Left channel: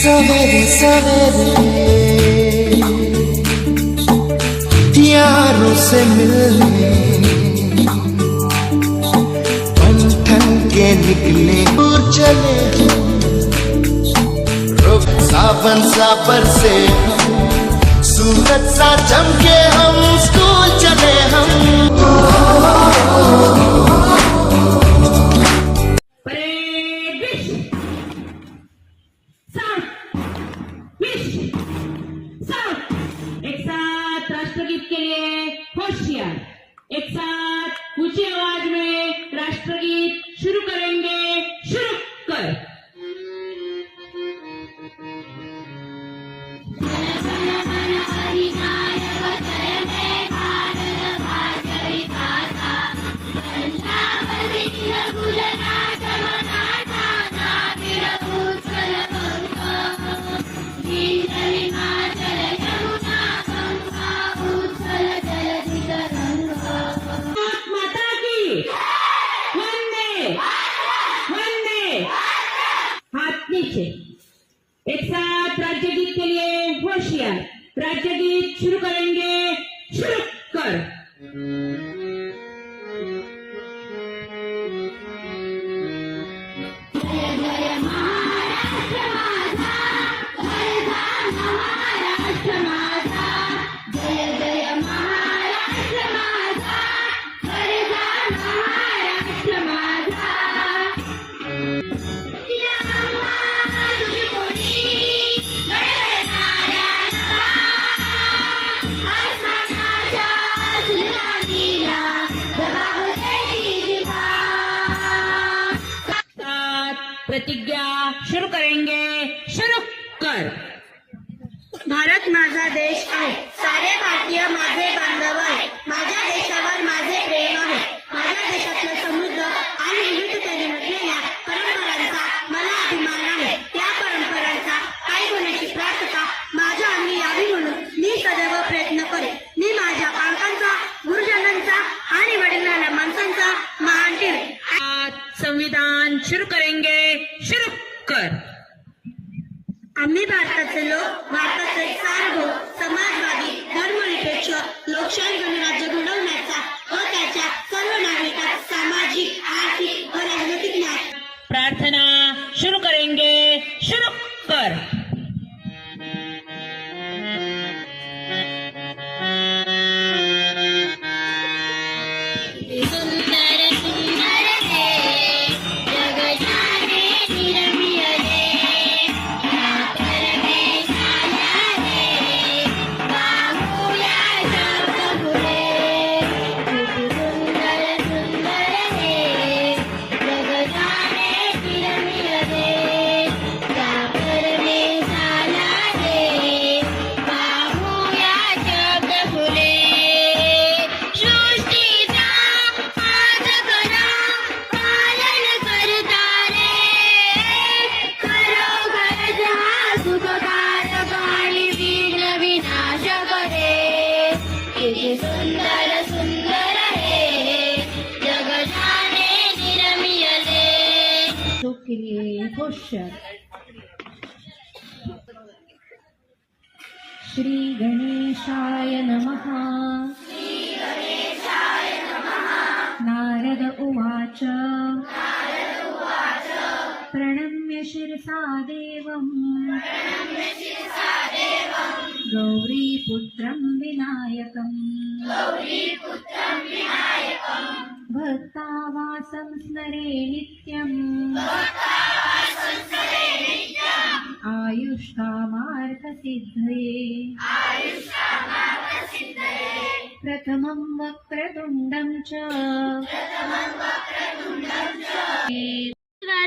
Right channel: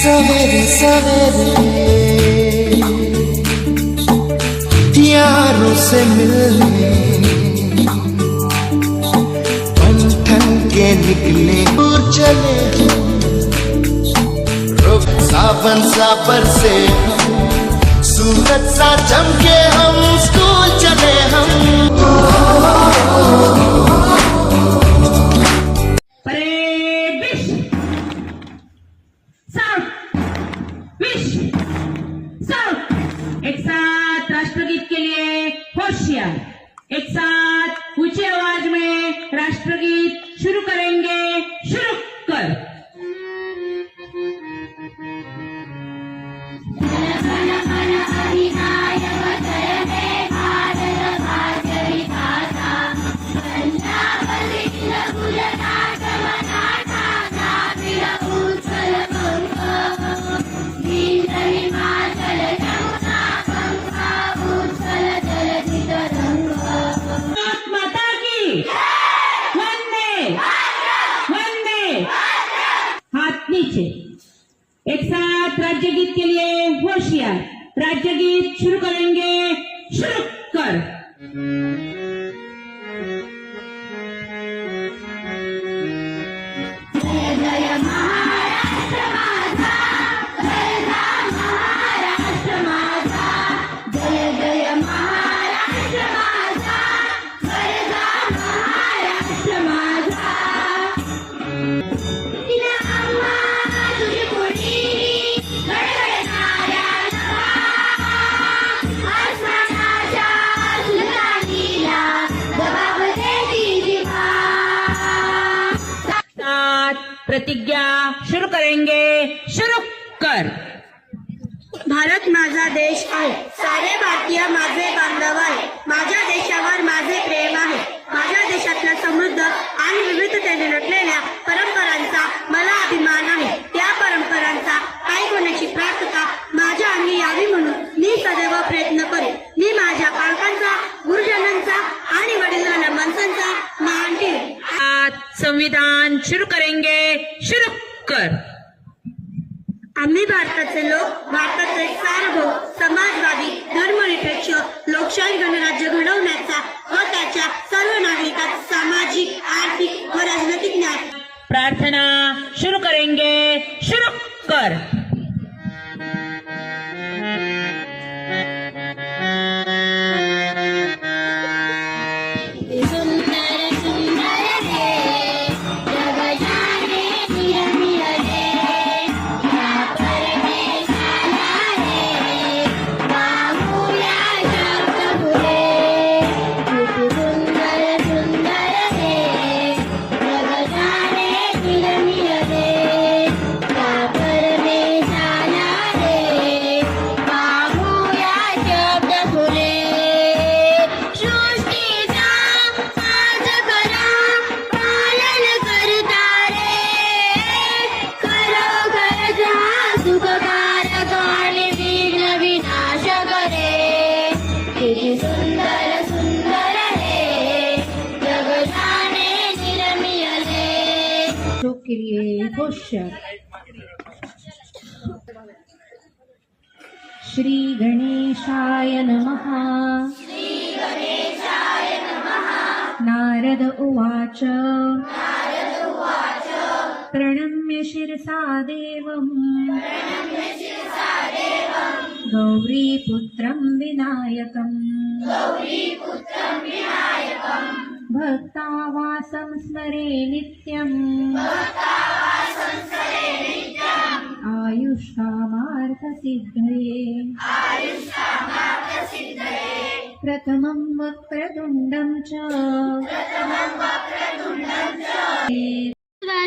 सवेरे सवेरे। यारों से मिलने ठन के निकले दूर चले। रुख सावन सा से हम सा चमके हम, स्कूल चले हम। Prebish. कर प्रतिज्ञा शुरू करेंगे। शुरू कर। भारत माझा देश आहे. सारे भारतीय माझे बांधव आहे. माझ्या देशावर माझे प्रेम आहे. माझ्या देशातल्या समृद्ध आणि विविधतेने नटलेल्या परंपरा श्री गणेशाय नमः. नारद उवाच. प्रणम्य शिरसा देवम्. गौरीपुत्रं विनायकम्. भक्तावासं स्मरे नित्यम्. आयुष्कामार्थसिद्धये प्रथमं वक्रतुण्डं च।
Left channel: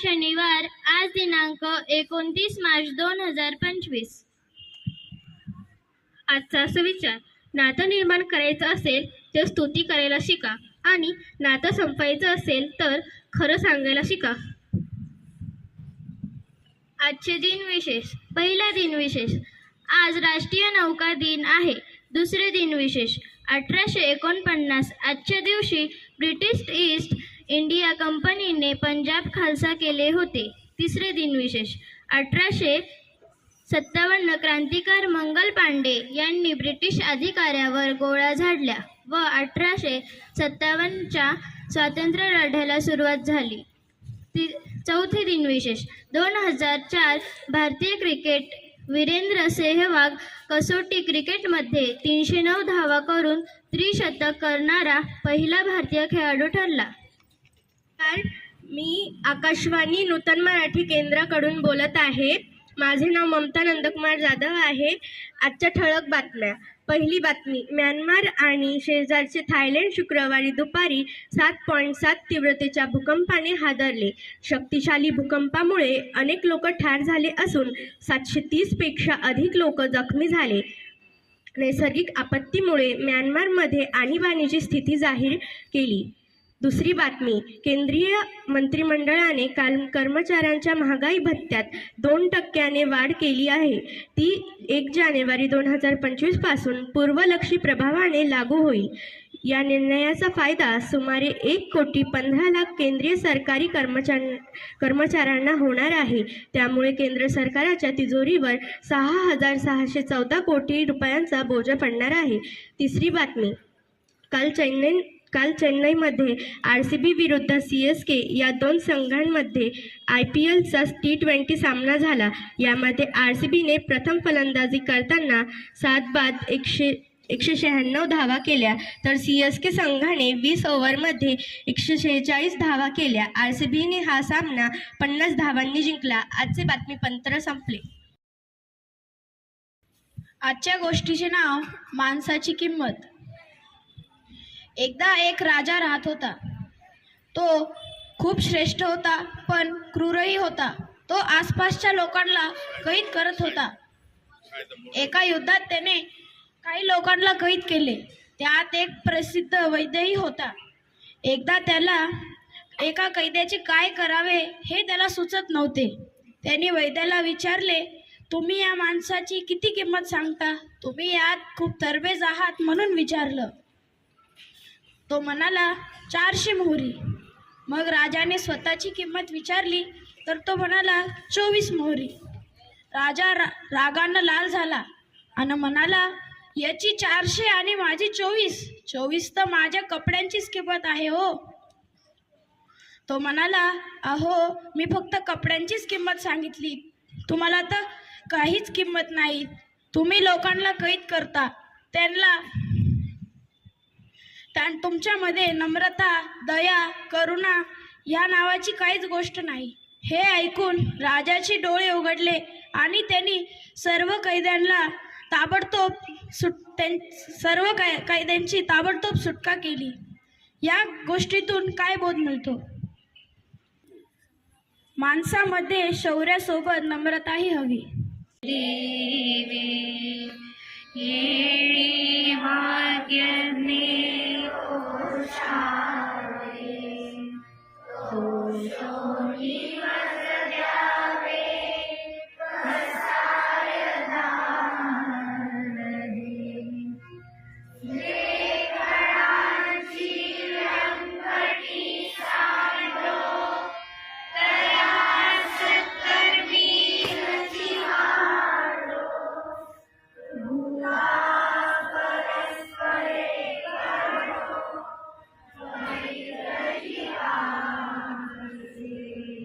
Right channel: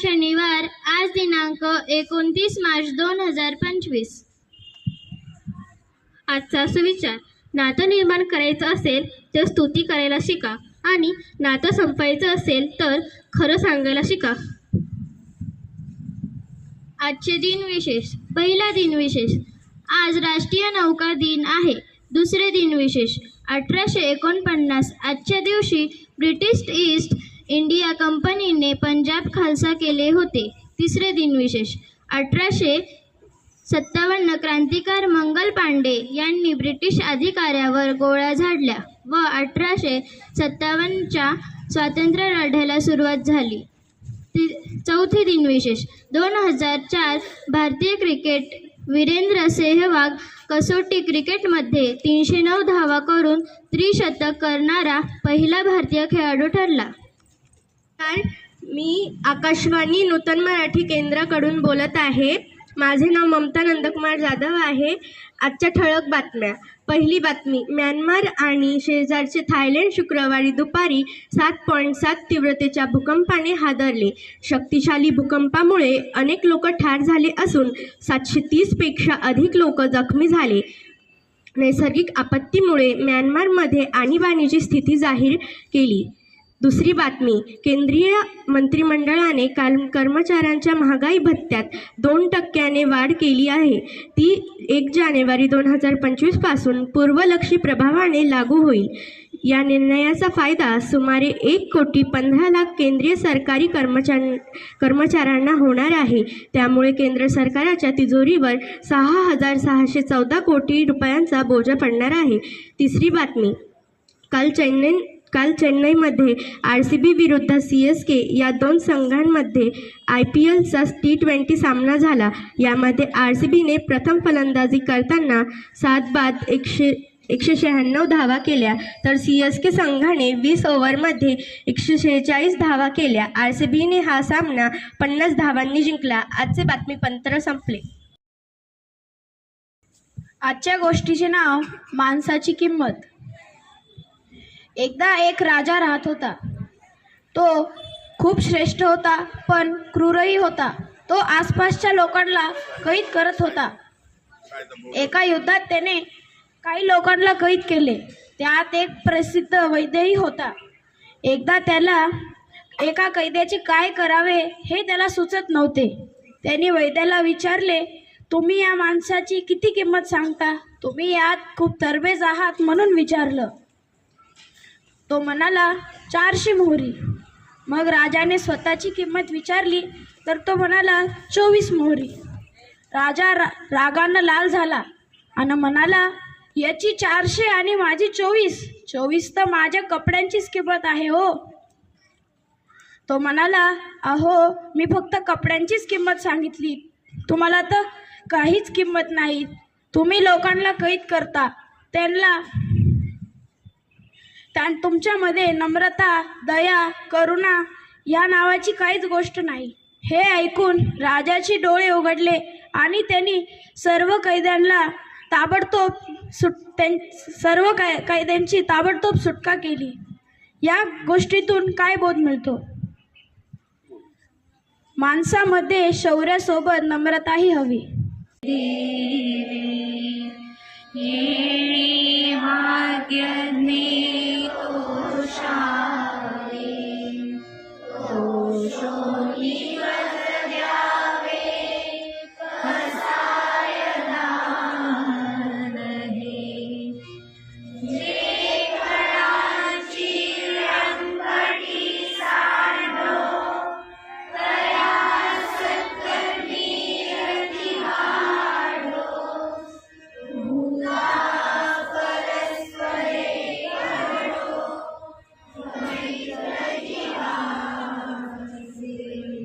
शनिवार आज दिनांक एकोणतीस मार्च दोन हजार पंचवीस. आजचा सुविचार नातं निर्माण करायचं असेल तर स्तुती करायला शिका आणि नातं संपवायचं असेल तर खरं सांगायला शिका. आजचे दिन विशेष. पहिला दिन विशेष. आज राष्ट्रीय नौका दिन आहे. दुसरे दिन विशेष. अठराशे एकोणपन्नास आजच्या दिवशी ब्रिटिश ईस्ट इंडिया कंपनीने पंजाब खालसा केले होते. तिसरे दिन विशेष. अठराशे सत्तावन्न क्रांतिकार मंगल पांडे यांनी ब्रिटिश अधिकाऱ्यावर गोळ्या झाडल्या व अठराशे सत्तावन्नच्या स्वातंत्र्य लढ्याला सुरुवात झाली. ती चौथे दिनविशेष दोन हजार चार भारतीय क्रिकेट वीरेंद्र सेहवाग कसोटी क्रिकेटमध्ये तीनशे नऊ धावा करून त्रिशतक करणारा पहिला भारतीय खेळाडू ठरला. मी आकाशवाणी नूतन मराठी केंद्राकडून बोलत आहे. माझे नाव ममता नंदकुमार जाधव आहे. आजच्या ठळक बातम्या. पहिली बातमी म्यानमार आणि शेजारचे थायलंड शुक्रवारी दुपारी सात पॉईंट सात तीव्रतेच्या भूकंपाने हादरले. शक्तिशाली भूकंपामुळे अनेक लोक ठार झाले असून सातशे तीसपेक्षा अधिक लोक जखमी झाले. नैसर्गिक आपत्तीमुळे म्यानमारमध्ये आणीबाणीची स्थिती जाहीर केली. दुसरी बातमी केंद्रीय मंत्रिमंडळाने काल कर्मचाऱ्यांच्या महागाई भत्त्यात दोन टक्क्याने वाढ केली आहे. ती एक जानेवारी दोन हजार पंचवीसपासून पूर्वलक्षी प्रभावाने लागू होईल. या निर्णयाचा फायदा सुमारे एक कोटी पंधरा लाख केंद्रीय सरकारी कर्मचार कर्मचाऱ्यांना होणार आहे. त्यामुळे केंद्र सरकारच्या तिजोरीवर सहा हजार सहाशे चौदा कोटी रुपयांचा बोजा पडणार आहे. तिसरी बातमी काल चेन्नई काल चेन्नईमध्ये आर सी बी विरुद्ध सी एस के या दोन संघांमध्ये आय पी एलचा टी ट्वेंटी सामना झाला. यामध्ये आर सी बीने प्रथम फलंदाजी करताना सात बाद एकशे एकशे शहाण्णव धावा केल्या. तर सी एस के संघाने वीस ओव्हरमध्ये एकशे शेहेचाळीस धावा केल्या. आर सी बीने हा सामना पन्नास धावांनी जिंकला. आजचे बातमीपत्र संपले. आजच्या गोष्टीचे नाव माणसाची किंमत. एकदा एक राजा राहत होता. तो खूप श्रेष्ठ होता पण क्रूरही होता. तो आसपासच्या लोकांना कैद करत होता. एका युद्धात त्याने काही लोकांना कैद केले. त्यात एक प्रसिद्ध वैद्यही होता. एकदा त्याला एका कैद्याचे काय करावे हे त्याला सुचत नव्हते. त्याने वैद्याला विचारले तुम्ही या माणसाची किती किंमत सांगता? तुम्ही यात खूप तरबेज आहात म्हणून विचारलं. तो म्हणाला चारशे मोहरी. मग राजाने स्वतःची किंमत विचारली तर तो म्हणाला चोवीस मोहरी. राजा रा रागानं लाल झाला आणि म्हणाला याची चारशे आणि माझी चोवीस. चोवीस तर माझ्या कपड्यांचीच किंमत आहे हो. तो म्हणाला अहो मी फक्त कपड्यांचीच किंमत सांगितली. तुम्हाला तर काहीच किंमत नाही. तुम्ही लोकांना कैद करता. त्यांना त्या तुमच्यामध्ये नम्रता दया करुणा या नावाची काहीच गोष्ट नाही. हे ऐकून राजाचे डोळे उघडले आणि त्यांनी सर्व कैद्यांना ताबडतोब सुट त्यां सर्व कै कैद्यांची ताबडतोब सुटका केली. या गोष्टीतून काय बोध मिळतो? माणसामध्ये शौर्यासोबत नम्रताही हवी. 沙林，口说一。